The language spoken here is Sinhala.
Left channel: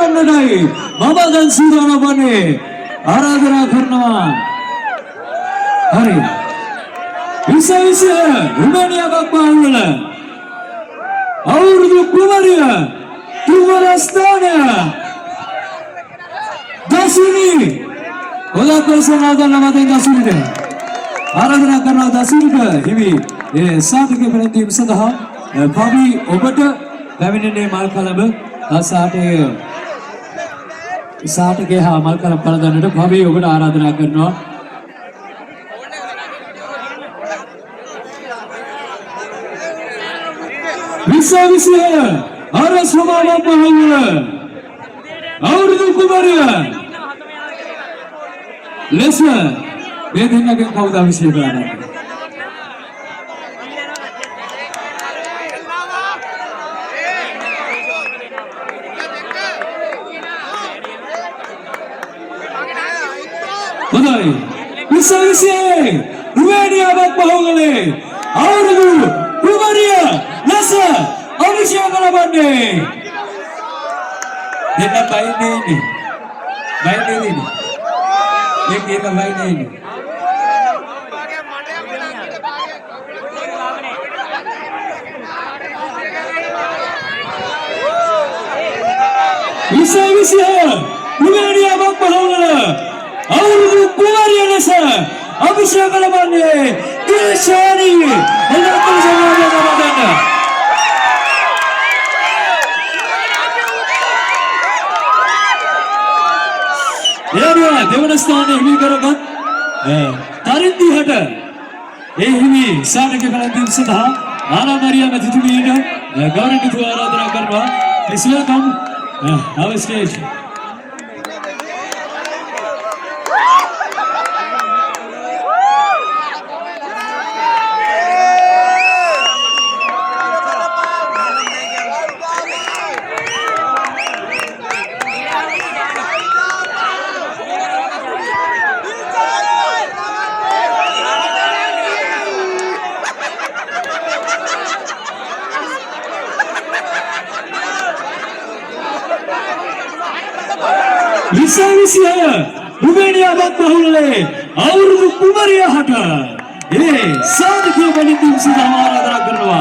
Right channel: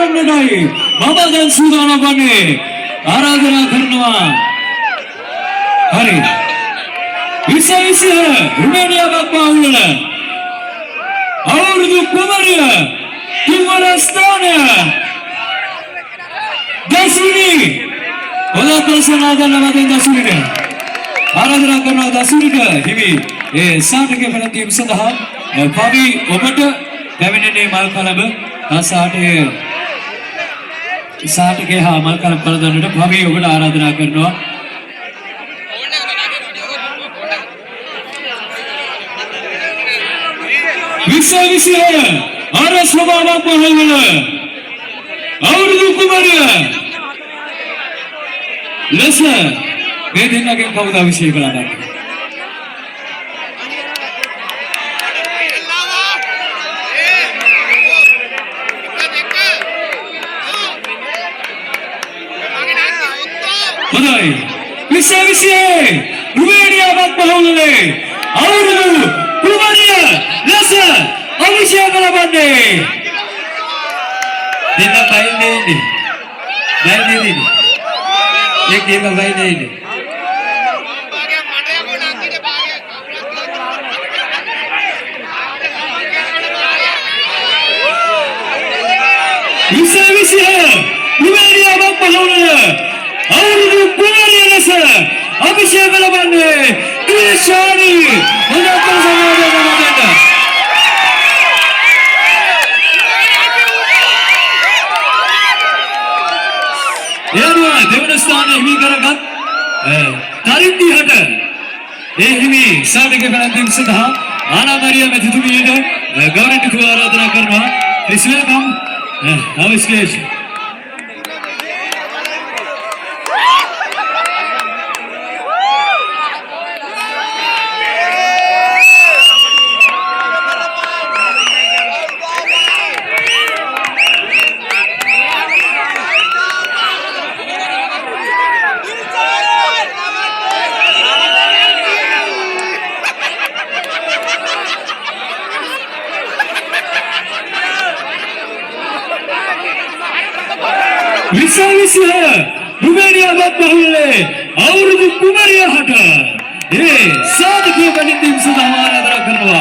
ගන්නටයි මම දැන් සූදානම් වන්නේ ආරාධනා කරනවා හරි විශේෂ රුමේනියාවක් මාවුල අවුරුදු කුමරිය තුන්වන ස්ථානය දසුනි ඔලපසනාදන මගෙන් දසුනිට ආරාධනා කරනවා දසුනිට හිමි ඒ සාටක පැවැත්වීම සඳහා පවි ඔබට පැමිණෙන්නේ මල් කලඹ සාටකේ හා මල් කලඹ පළඳන්නට පවි ඔබට ආරාධනා කරනවා විශ්ව අර ස්වභාවයක් මහවල අවුරුදු කුමරිය ලෙස මේ දෙන්නගෙන් කවුද අභිෂේක කරන්නේ හොඳයි විශ්ව රුමේනියාවක් මහවලේ අවුරුදු කුමරිය ලෙස අභිෂේක ලබන්නේ දෙන්න බයිනේ एक भाई नहीं विषय रुमेनिया अभिषेक देवस्थान हिमी करगत तारिंदी हट ए हिमी साटके पेळंतीम सदा आना मारिया में तिथुमीड गवर्नमेंट थु आराधना करवा प्लीज वेलकम our stage विश्व रुमेनिया बहुले और कुमारिया हटा ये साध के बनी टीम से हमारा आराधना करवा